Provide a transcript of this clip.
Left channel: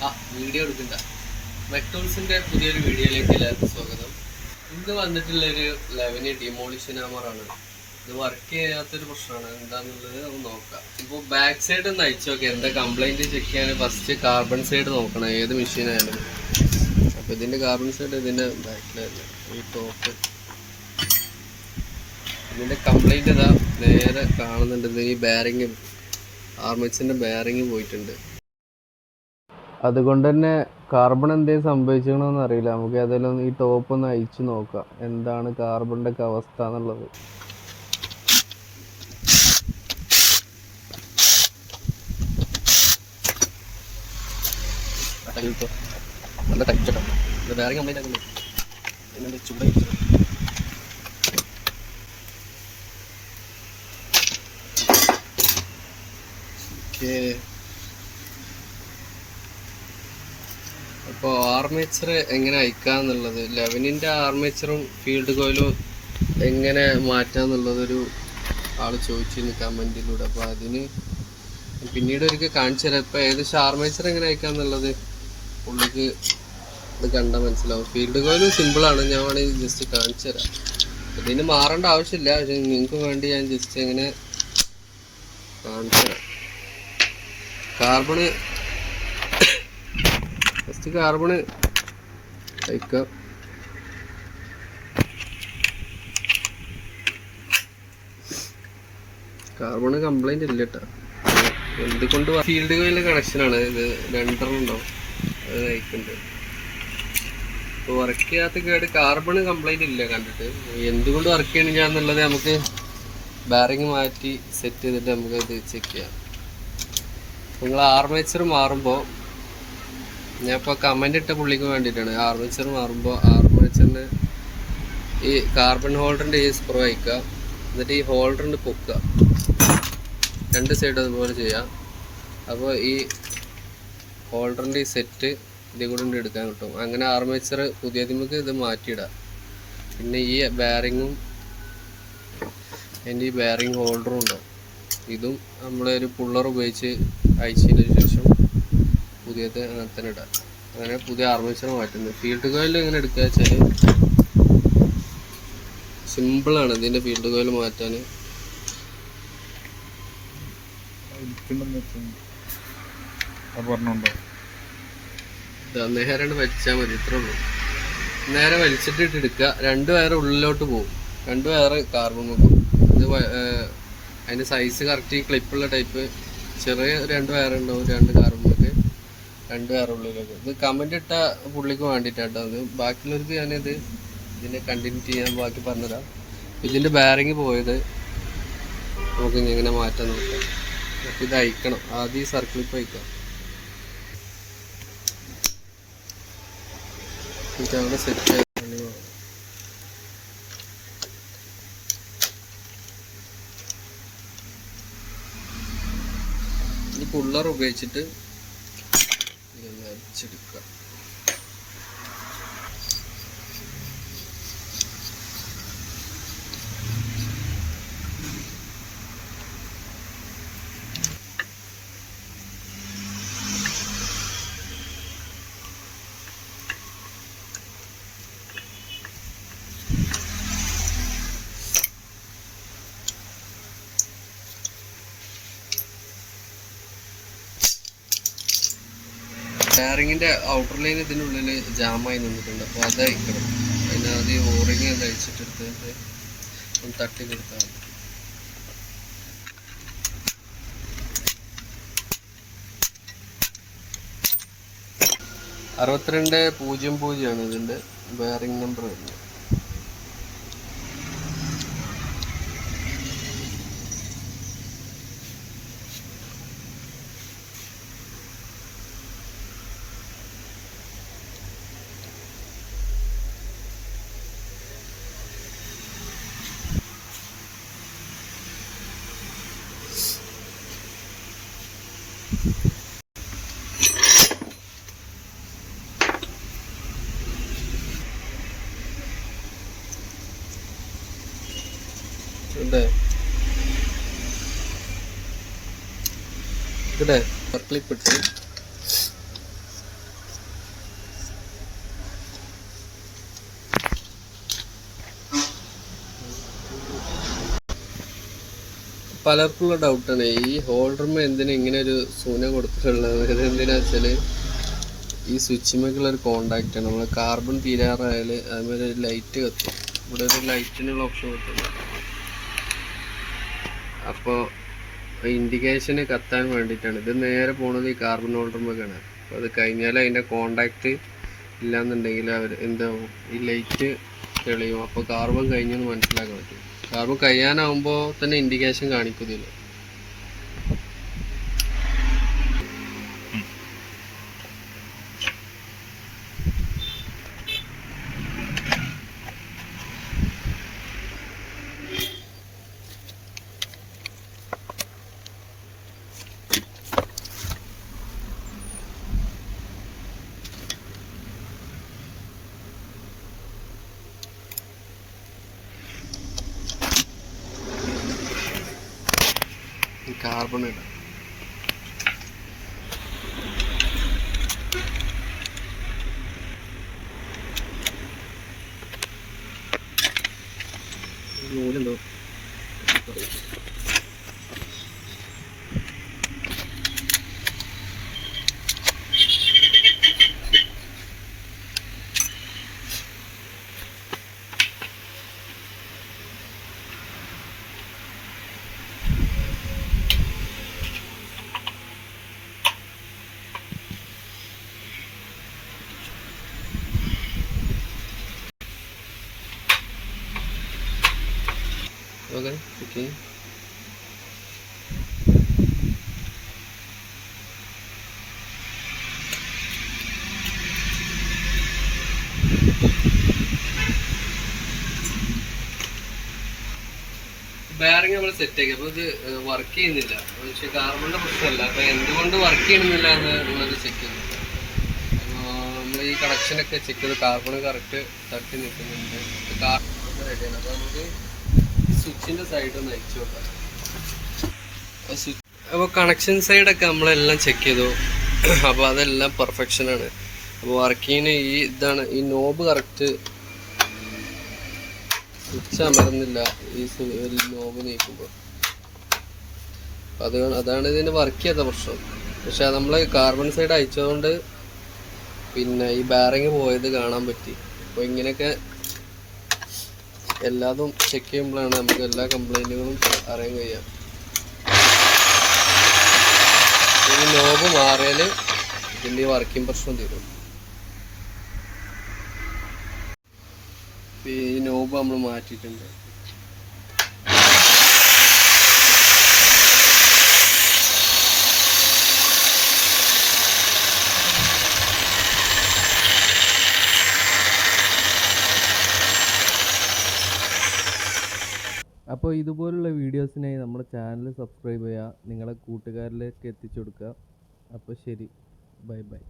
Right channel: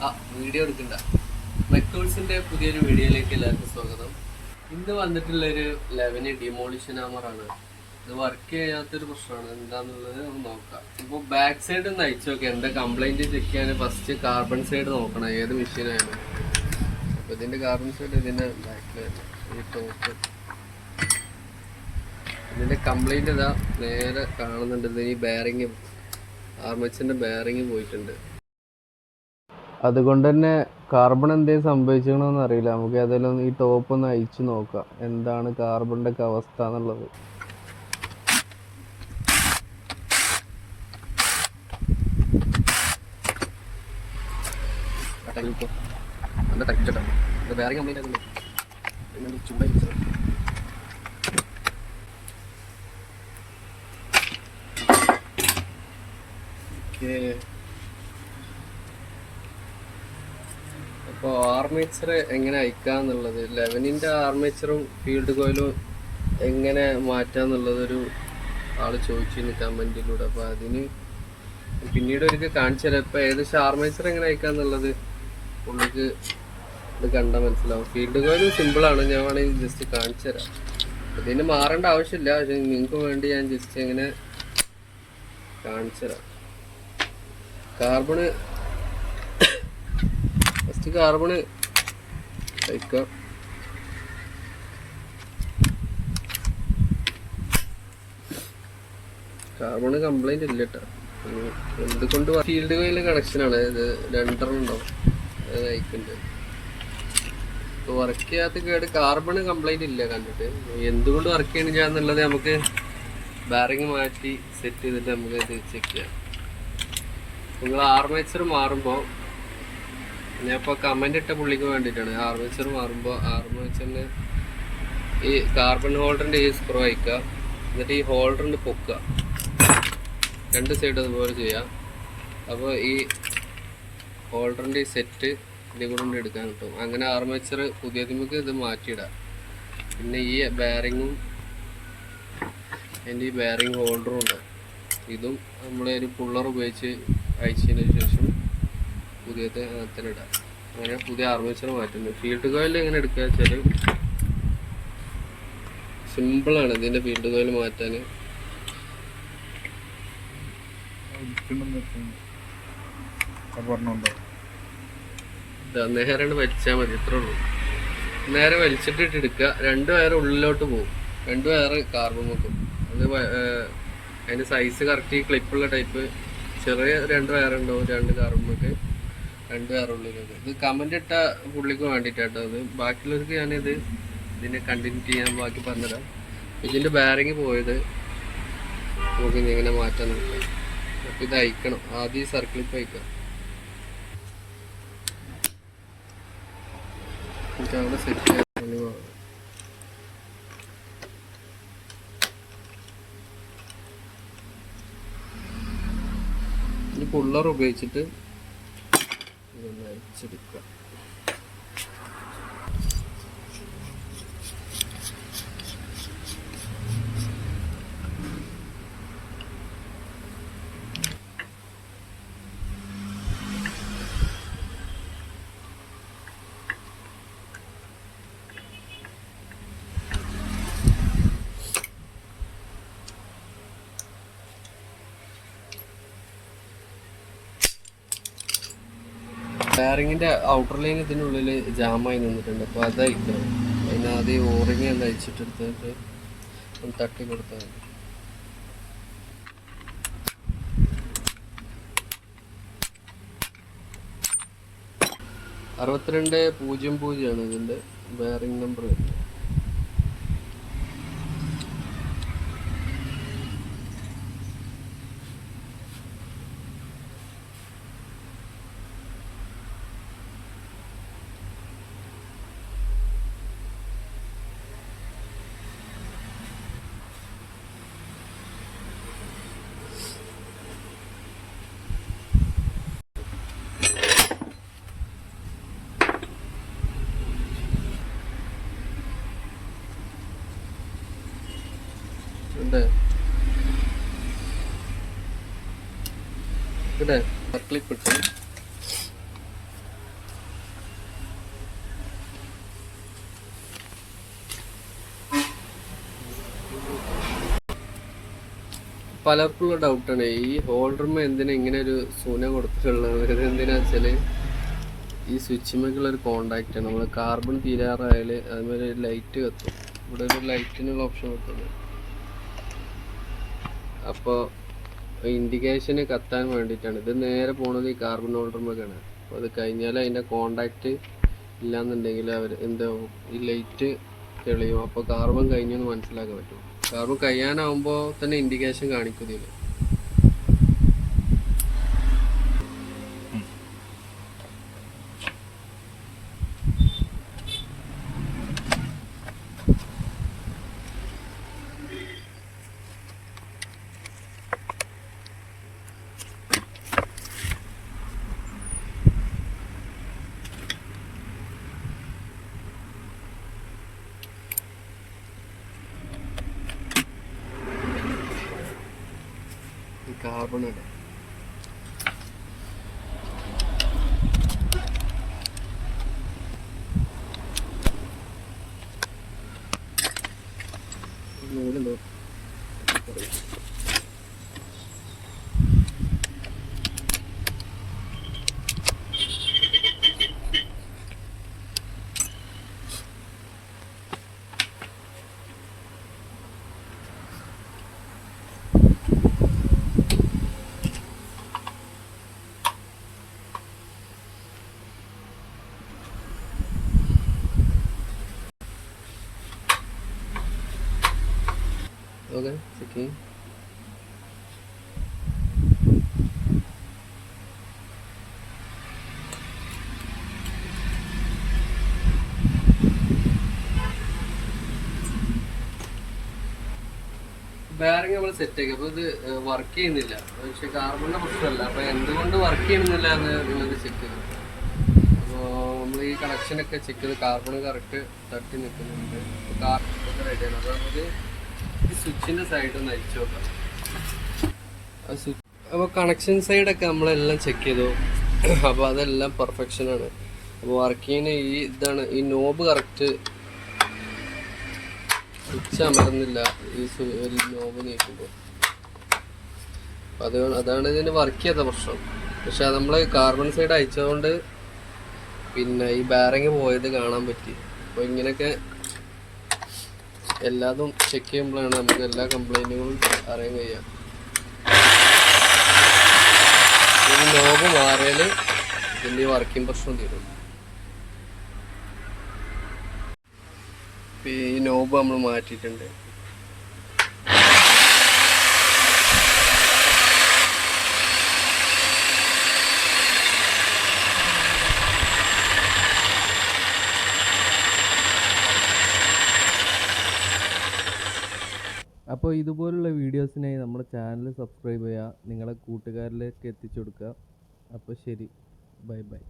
Video എടുക്കണ്ട. മെക്ടൂൾസിന്റെ പുതിയൊരു വീഡിയോയിലേക്ക് എല്ലാവർക്കും സ്വാഗതം. ഇന്ന് വന്നിട്ടുള്ളൊരു 11 ഡിമോളിഷൻ ഹാമറാണ്. ഇത് വർക്ക് ചെയ്യാത്തൊരു പ്രശ്നമാണ്. എന്താന്നുള്ളത് നമുക്ക് നോക്കാം. ഇപ്പോൾ ബാക്ക് സൈഡ് ഒന്ന് അയച്ചു നോക്കാം. എന്താ കംപ്ലൈന്റ് ചെക്ക് ചെയ്യാൻ ഫസ്റ്റ് കാർബൺ സൈഡ് നോക്കണം, ഏത് മെഷീനായാലും. അപ്പോൾ ഇതിന്റെ കാർബൺ സൈഡ് ഇതിന്റെ ബാക്കിലായിരുന്നു, ഈ ടോപ്പ്. ഇതിന്റെ കംപ്ലൈന്റ് ഇതാ നേരെ കാണുന്നുണ്ട്. ഇതിന് ഈ ബെയറിങ്, ആർമേച്ചറിന്റെ ബെയറിങ് പോയിട്ടുണ്ട്. അതുകൊണ്ട് തന്നെ കാർബൺ എന്തെങ്കിലും സംഭവിച്ചണമെന്ന് അറിയില്ല. നമുക്ക് ഏതായാലും ഈ ടോപ്പ് ഒന്ന് അയച്ചു നോക്കാം, എന്താണ് കാർബണിൻ്റെ ഒക്കെ അവസ്ഥ എന്നുള്ളത്. നല്ല ടച്ചാണ്. വേറെ കംപ്ലൈൻ്റ് ആകുന്നു. പിന്നെ ചൂടായി അപ്പോൾ ആർമേച്ചർ എങ്ങനെ അയക്കാന്നുള്ളത്, 11ൻ്റെ ആർമേച്ചറും ഫീൽഡ് കോയിലും എങ്ങനെ മാറ്റാന്നുള്ളതൊരു ആൾ ചോദിച്ചിരുന്നു കമൻറ്റിലൂടെ. അപ്പോൾ അതിന് പിന്നീട് ഒരിക്കൽ കാണിച്ചു തരാം. ഇപ്പോൾ ഏകദേശം ആർമേച്ചർ എങ്ങനെ അയക്കാന്നുള്ളത് പുള്ളിക്ക് ഇത് കണ്ടാൽ മനസ്സിലാവും. ഫീൽഡ് കോയിലും സിമ്പിളാണ്, ഞാൻ വേണമെങ്കിൽ ജസ്റ്റ് കാണിച്ചു തരാം. ഇതിന് മാറേണ്ട ആവശ്യമില്ല, പക്ഷെ നിങ്ങൾക്ക് വേണ്ടി ഞാൻ ജസ്റ്റ് എങ്ങനെ കാണിച്ചു തരാം. കാർബണ് അയക്കാം. കാർബണ് കംപ്ലൈന്റ് ഇല്ല കേട്ടോ. എന്തുകൊണ്ട് ഫീൽഡ് കോയിലിന്റെ കണക്ഷനാണ് ഇത്, രണ്ടെണ്ണം ഉണ്ടാവും, അത് അയക്കുന്നുണ്ട്. ഇപ്പോൾ വർക്ക് ചെയ്യാത്ത കേട് കാർബണ് കംപ്ലൈന്റ് ഇല്ല കണ്ടിട്ട്. എന്തുകൊണ്ട് വർക്ക് ചെയ്യണില്ല എന്നുള്ളത് നമുക്ക് ബാരിങ് മാറ്റി സെറ്റ് ചെയ്തിട്ട് നമുക്ക് ഇത് ചെക്ക് ചെയ്യാം. നിങ്ങൾ ആർമേച്ചർ മാറുമ്പോൾ, ഞാൻ ഇപ്പോൾ കമൻ്റ് ഇട്ട പുള്ളിക്ക് വേണ്ടിയിട്ടാണ്, ആർമേച്ചർ മാറുമ്പോൾ ആർമേച്ചറിന് ഈ കാർബൺ ഹോൾഡറിൻ്റെ ഈ സ്ക്രൂ അയക്കുക, എന്നിട്ട് ഈ ഹോൾഡറിൻ്റെ പൊക്കുക, രണ്ട് സൈഡ് അതുപോലെ ചെയ്യാം. അപ്പോൾ ഈ ഹോൾഡറിൻ്റെ ഈ സെറ്റ് ഇതിൽ കൂടെ എടുക്കാൻ കിട്ടും. അങ്ങനെ ആർമേച്ചർ പുതിയതിമക്ക് ഇത് മാറ്റിയിടാം. പിന്നെ ഈ ബെയറിങ്ങും അതിൻ്റെ ഈ ബെയറിങ് ഹോൾഡറും ഉണ്ടാവും. ഇതും നമ്മളൊരു പുള്ളർ ഉപയോഗിച്ച് അയച്ചതിന് ശേഷം പുതിയത് അങ്ങനെ തന്നെ ഇടാം. അങ്ങനെ പുതിയ ആർമേച്ചർ മാറ്റുന്നത്. ഫീൽഡ് കോയിൽ എങ്ങനെ എടുക്കുക വെച്ചാൽ സിമ്പിളാണ് ഇതിൻ്റെ ഫീൽഡ് കോയിൽ മാറ്റാൻ. നേരെ വലിച്ചാൽ മതി, ഇത്രേ ഉള്ളൂ. നേരെ വലിച്ചിട്ട് എടുക്കുക. രണ്ട് വയർ ഉള്ളിലോട്ട് പോകും, രണ്ട് വയർ കാർബൺ നോക്കും. ഇത് അതിൻ്റെ സൈസ് കറക്റ്റ് ക്ലിപ്പുള്ള ടൈപ്പ് ചെറിയ രണ്ട് വയറുണ്ടാവും, രണ്ട് കാർബണിലൊക്കെ, രണ്ട് വയറുള്ളിലൊക്കെ. ഇത് കമൻ്റ് ഇട്ട പുള്ളിക്ക് വേണ്ടിയിട്ടാട്ടോ. അത് ബാക്കിയുള്ളവർക്ക് ഞാനിത് ഇതിൻ്റെ കണ്ടിന്യൂ ചെയ്യാൻ ബാക്കി പറഞ്ഞുതരാം. ഇതിൻ്റെ ബാരിങ് പോയത് നമുക്ക് ഇനി എങ്ങനെ മാറ്റാൻ നോക്കാം. അപ്പോൾ ഇത് അയക്കണം. ആദ്യം ഈ സർക്കിളിപ്പോൾ അയക്കാം. എന്നിട്ട് അവിടെ സെറ്റ് ചെയ്യാൻ ഈ പുള്ളർ ഉപയോഗിച്ചിട്ട് ഇതൊന്ന് അരിച്ചെടുക്കുക. ബെയറിങ്ങിൻ്റെ ഔട്ടർ ലൈൻ ഇതിനുള്ളിൽ ജാമായി നിന്നിട്ടുണ്ട്. അപ്പോൾ അത് അയക്കണം. അതിന് ആദ്യം ഓറിങ് ഒന്ന് അയച്ചിട്ടെടുത്തിട്ട് ഒന്ന് തട്ടി കൊടുത്താൽ മതി. അറുപത്തിരണ്ട് 00 ഇതിൻ്റെ ബെയറിങ് നമ്പർ വരുന്നത്. ഇവിടെ ക്ലിപ്പ് ഇട്ട് പലർക്കുള്ള ഡൗട്ടാണ് ഈ ഹോൾഡർമ എന്തിനാ ഇങ്ങനെ ഒരു സൂന കൊടുത്തിട്ടുള്ളത്. ഇതെന്തിനാ വെച്ചാൽ ഈ സ്വിച്ചുമേക്കുള്ള ഒരു കോണ്ടാക്റ്റ് ആണ്. നമ്മൾ കാർബൺ തീരാറായാൽ അതുപോലെ ലൈറ്റ് കത്തും. ഇവിടെ ഒരു ലൈറ്റിനുള്ള ഓപ്ഷൻ കിട്ടുന്നു. അപ്പോൾ ഇൻഡിക്കേഷന് കത്താൻ വേണ്ടിയിട്ടാണ്. ഇത് നേരെ പോണത് ഈ കാർബൺ ഹോൾഡർമേക്കാണ്. അപ്പോൾ അത് കഴിഞ്ഞാൽ അതിൻ്റെ കോണ്ടാക്റ്റ് ഇല്ലാന്നുണ്ടെങ്കിൽ അവർ എന്താവും, ഈ ലൈറ്റ് തെളിയും. അപ്പോൾ കാർബൺ കഴിഞ്ഞെന്ന് മനസ്സിലാക്കാൻ പറ്റും. കാർബൺ കഴിയാനാവുമ്പോൾ തന്നെ ഇൻഡിക്കേഷൻ കാണിക്കുന്നില്ല. കാർബൺ ഇടാം. നൂലുണ്ടോ? Okay, okay. ബെയറിംഗ് നമ്മൾ സെറ്റ് ആക്കി. അപ്പോൾ ഇത് വർക്ക് ചെയ്യുന്നില്ല. പക്ഷെ കാർബണിൻ്റെ പ്രശ്നമല്ല. അപ്പോൾ എന്തുകൊണ്ട് വർക്ക് ചെയ്യണമെന്നില്ല എന്നുള്ളത് ചെക്ക് ചെയ്തു. അപ്പോൾ നമ്മൾ ഈ കണക്ഷനൊക്കെ ചെക്ക് ചെയ്ത് കാർബൺ കറക്റ്റ് തട്ടി നിൽക്കുന്നുണ്ട്. കാർബൺ റെഡിയാണ്. അപ്പോൾ നമുക്ക് സ്വിച്ചിൻ്റെ സൈഡ് ഒന്ന് അയച്ചു നോക്കാം. അപ്പോൾ കണക്ഷൻ സൈഡൊക്കെ നമ്മളെല്ലാം ചെക്ക് ചെയ്തു. അപ്പോൾ അതെല്ലാം പെർഫെക്ഷനാണ്. അപ്പോൾ വർക്കിങ്ങിന് ഈ ഇതാണ്, ഈ നോബ് കറക്റ്റ് സ്വിച്ച് അമർന്നില്ല. ഈ നോബ് നീക്കുമ്പോൾ അതാണ് ഇതിന് വർക്ക് ചെയ്യാത്ത പ്രശ്നം. പക്ഷെ നമ്മൾ കാർബൺ സൈഡ് അയച്ചതുകൊണ്ട് പിന്നെ ഈ ബാരിങ് പോയത് കാണാൻ പറ്റി. അപ്പോൾ ഇങ്ങനെയൊക്കെ എല്ലാതും ചെക്ക് ചെയ്യുമ്പോഴാണ് നമുക്ക് എല്ലാ കംപ്ലൈൻറ്റുകളും അറിയാൻ കഴിയുക. ഈ നോബ് മാറിയാൽ ഇതിൻ്റെ വർക്കിംഗ് പ്രശ്നം തീരും. ഈ നോബ് നമ്മൾ മാറ്റിയിട്ടുണ്ട്. അപ്പോൾ ഇതുപോലുള്ള വീഡിയോസിനായി നമ്മുടെ ചാനൽ സബ്സ്ക്രൈബ് ചെയ്യുക, നിങ്ങളെ കൂട്ടുകാരിലേക്ക് എത്തിച്ചു കൊടുക്കുക. അപ്പോൾ ശരി, ബൈ ബൈ.